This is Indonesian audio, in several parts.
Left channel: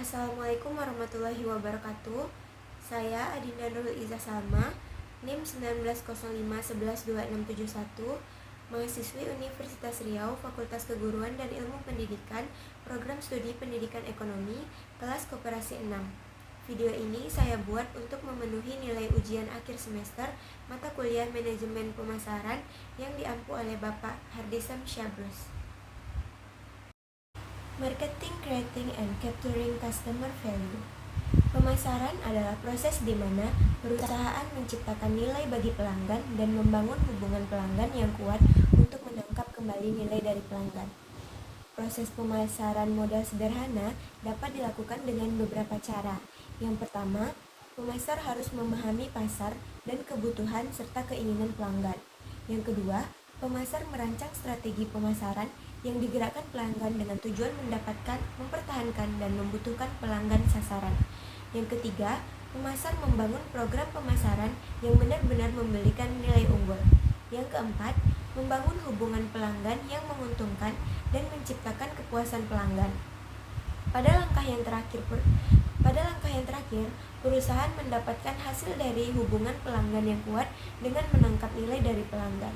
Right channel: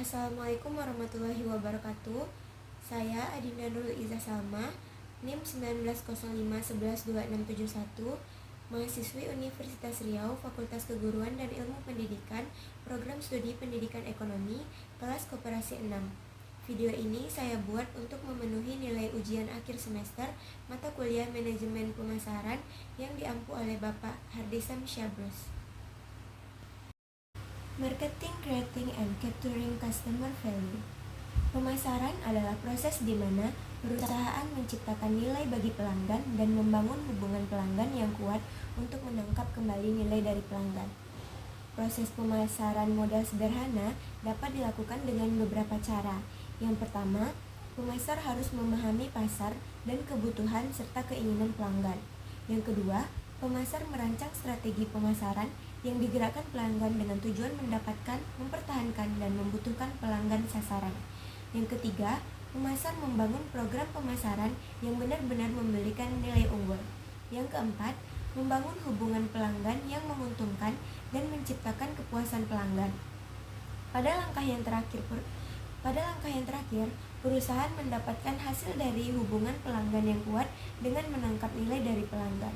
Assalamualaikum warahmatullahi wabarakatuh. Saya Adinda Nurul Izzah Salma, NIM 1905112671, mahasiswi Universitas Riau, Fakultas Keguruan dan Ilmu Pendidikan, Program Studi Pendidikan Ekonomi, kelas Koperasi 6. Video ini saya buat untuk memenuhi nilai ujian akhir semester mata kuliah Manajemen Pemasaran yang diampu oleh Bapak Hardesam Syabrus. Marketing, Creating, and Capturing Customer Value. Pemasaran adalah proses di mana perusahaan menciptakan nilai bagi pelanggan dan membangun hubungan pelanggan yang kuat untuk menangkap kembali nilai dari pelanggan. Proses pemasaran modal sederhana dapat dilakukan dengan beberapa cara. Yang pertama, pemasar harus memahami pasar dan kebutuhan serta keinginan pelanggan. Yang kedua, pemasar merancang strategi pemasaran yang digerakkan pelanggan dengan tujuan mendapatkan, mempertahankan, dan membutuhkan pelanggan sasaran. Yang ketiga, pemasar membangun program pemasaran yang benar-benar memberikan nilai unggul. Yang keempat, membangun hubungan pelanggan yang menguntungkan dan menciptakan kepuasan pelanggan. Pada langkah yang terakhir, perusahaan mendapatkan hasil dari hubungan pelanggan yang kuat dengan menangkap nilai dari pelanggan.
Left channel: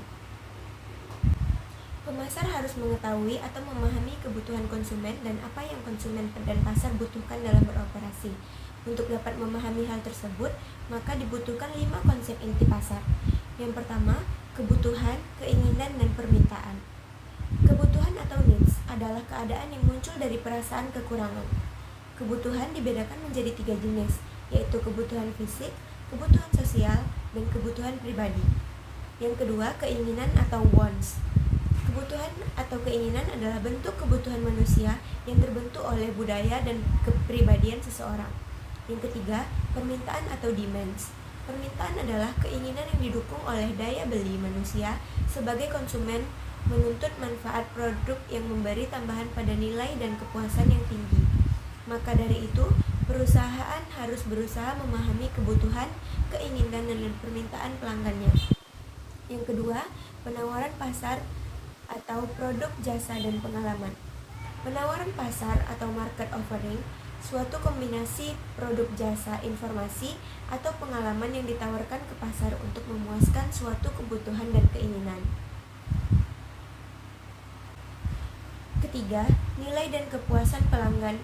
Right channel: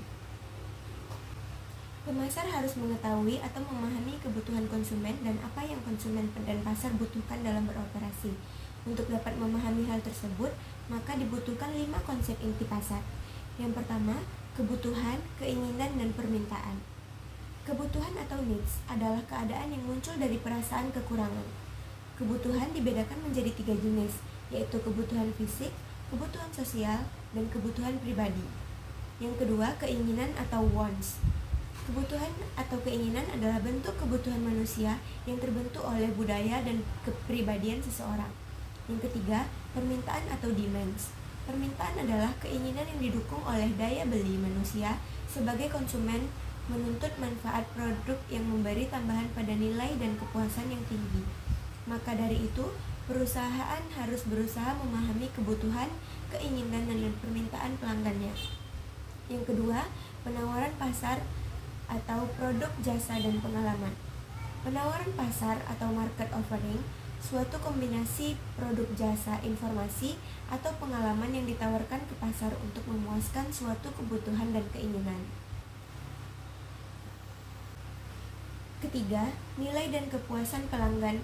Pemasar harus mengetahui atau memahami kebutuhan konsumen dan apa yang konsumen dan pasar butuhkan dalam beroperasi. Untuk dapat memahami hal tersebut, maka dibutuhkan 5 konsep inti pasar. Yang pertama, kebutuhan, keinginan, dan permintaan. Kebutuhan atau needs adalah keadaan yang muncul dari perasaan kekurangan. Kebutuhan dibedakan menjadi 3 jenis, yaitu kebutuhan fisik, kebutuhan sosial, dan kebutuhan pribadi. Yang kedua, keinginan atau wants. Kebutuhan atau keinginan adalah bentuk kebutuhan manusia yang terbentuk oleh budaya dan kepribadian seseorang. Yang ketiga, permintaan atau demands. Permintaan adalah keinginan yang didukung oleh daya beli manusia sebagai konsumen menuntut manfaat produk yang memberi tambahan pada nilai dan kepuasan yang tinggi. Maka dari itu, perusahaan harus berusaha memahami kebutuhan, keinginan, dan permintaan pelanggannya. Yang kedua, penawaran pasar atau produk, jasa, dan pengalaman. Penawaran pasar atau market offering, suatu kombinasi produk, jasa, informasi, atau pengalaman yang ditawarkan ke pasar untuk memuaskan suatu kebutuhan dan keinginan. Ketiga, nilai dan kepuasan pelanggan.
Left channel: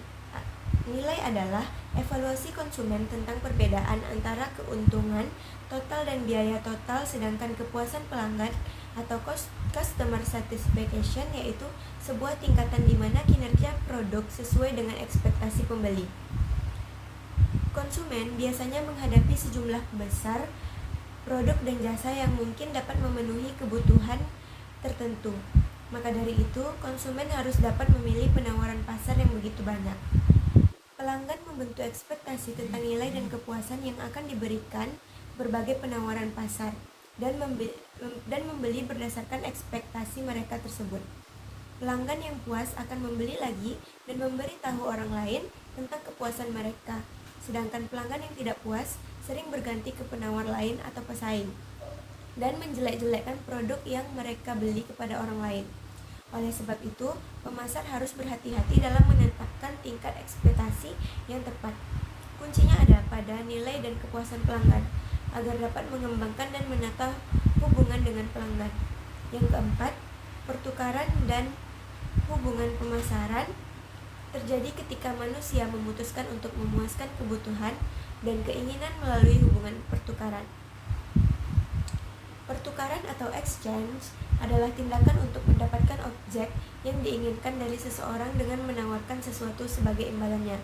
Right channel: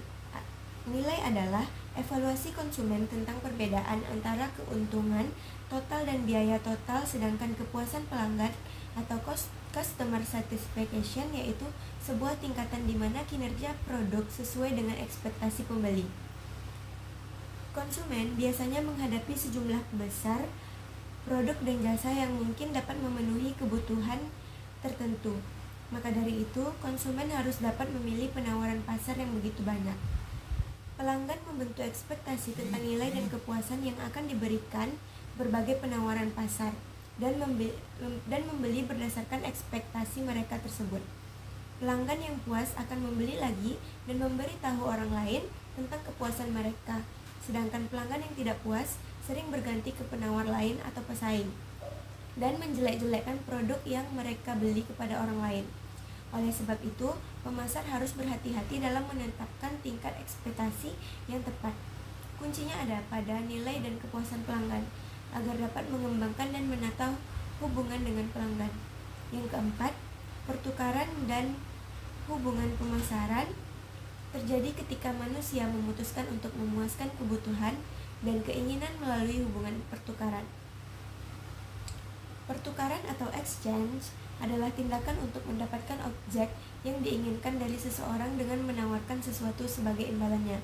Nilai adalah evaluasi konsumen tentang perbedaan antara keuntungan total dan biaya total, sedangkan kepuasan pelanggan atau customer satisfaction yaitu sebuah tingkatan di mana kinerja produk sesuai dengan ekspektasi pembeli. Konsumen biasanya menghadapi sejumlah besar produk dan jasa yang mungkin dapat memenuhi kebutuhan tertentu. Maka dari itu, konsumen harus dapat memilih penawaran pasar yang begitu banyak. Pelanggan membentuk ekspektasi tentang nilai dan kepuasan yang akan diberikan berbagai penawaran pasar dan membeli berdasarkan ekspektasi mereka tersebut. Pelanggan yang puas akan membeli lagi dan memberitahu orang lain tentang kepuasan mereka, sedangkan pelanggan yang tidak puas sering berganti ke penawar lain atau pesaing dan menjelek-jelekkan produk yang mereka beli kepada orang lain. Oleh sebab itu, pemasar harus berhati-hati dalam menetapkan tingkat ekspektasi yang tepat. Kuncinya ada pada nilai dan kepuasan pelanggan, agar dapat mengembangkan dan menata hubungan dengan pelanggan. Yang keempat, pertukaran dan hubungan pemasaran terjadi ketika manusia memutuskan untuk memuaskan kebutuhan dan keinginan melalui hubungan pertukaran. Pertukaran atau exchange adalah tindakan untuk mendapatkan objek yang diinginkan dari seseorang dengan menawarkan sesuatu sebagai imbalannya.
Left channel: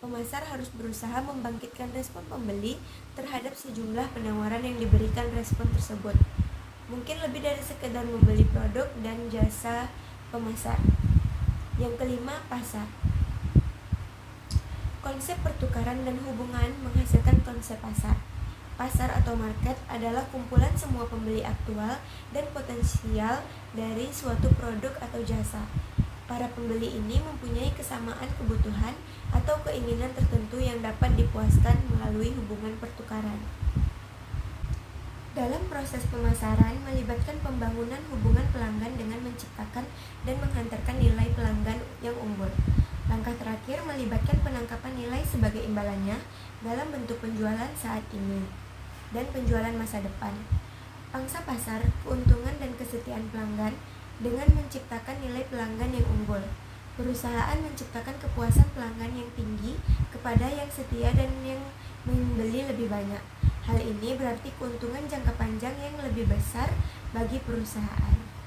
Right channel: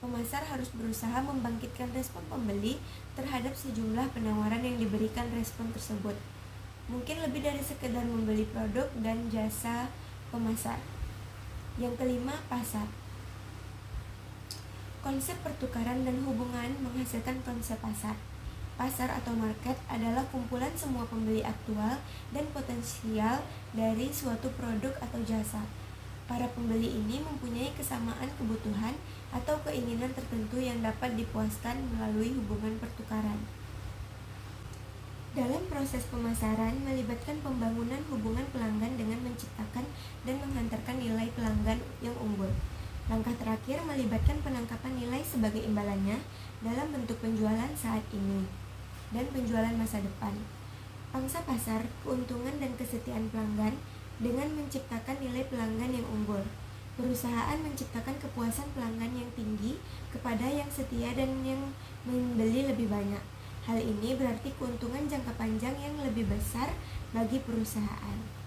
Pemasar harus berusaha membangkitkan respon pembeli terhadap sejumlah penawaran yang diberikan respon tersebut. Mungkin lebih dari sekedar membeli produk dan jasa pemasar. Yang kelima, pasar. Konsep pertukaran dan hubungan menghasilkan konsep pasar. Pasar atau market adalah kumpulan semua pembeli aktual dan potensial dari suatu produk atau jasa. Para pembeli ini mempunyai kesamaan kebutuhan atau keinginan tertentu yang dapat dipuaskan melalui hubungan pertukaran. Dalam proses pemasaran melibatkan pembangunan hubungan pelanggan dengan menciptakan dan menghantarkan nilai pelanggan yang unggul. Langkah terakhir melibatkan penangkapan nilai sebagai imbalannya dalam bentuk penjualan saat ini dan penjualan masa depan. Pangsa pasar, keuntungan dan kesetiaan pelanggan dengan menciptakan nilai pelanggan yang unggul. Perusahaan menciptakan kepuasan pelanggan yang tinggi kepada yang setia dan yang membeli lebih banyak. Hal ini berarti keuntungan jangka panjang yang lebih besar bagi perusahaan.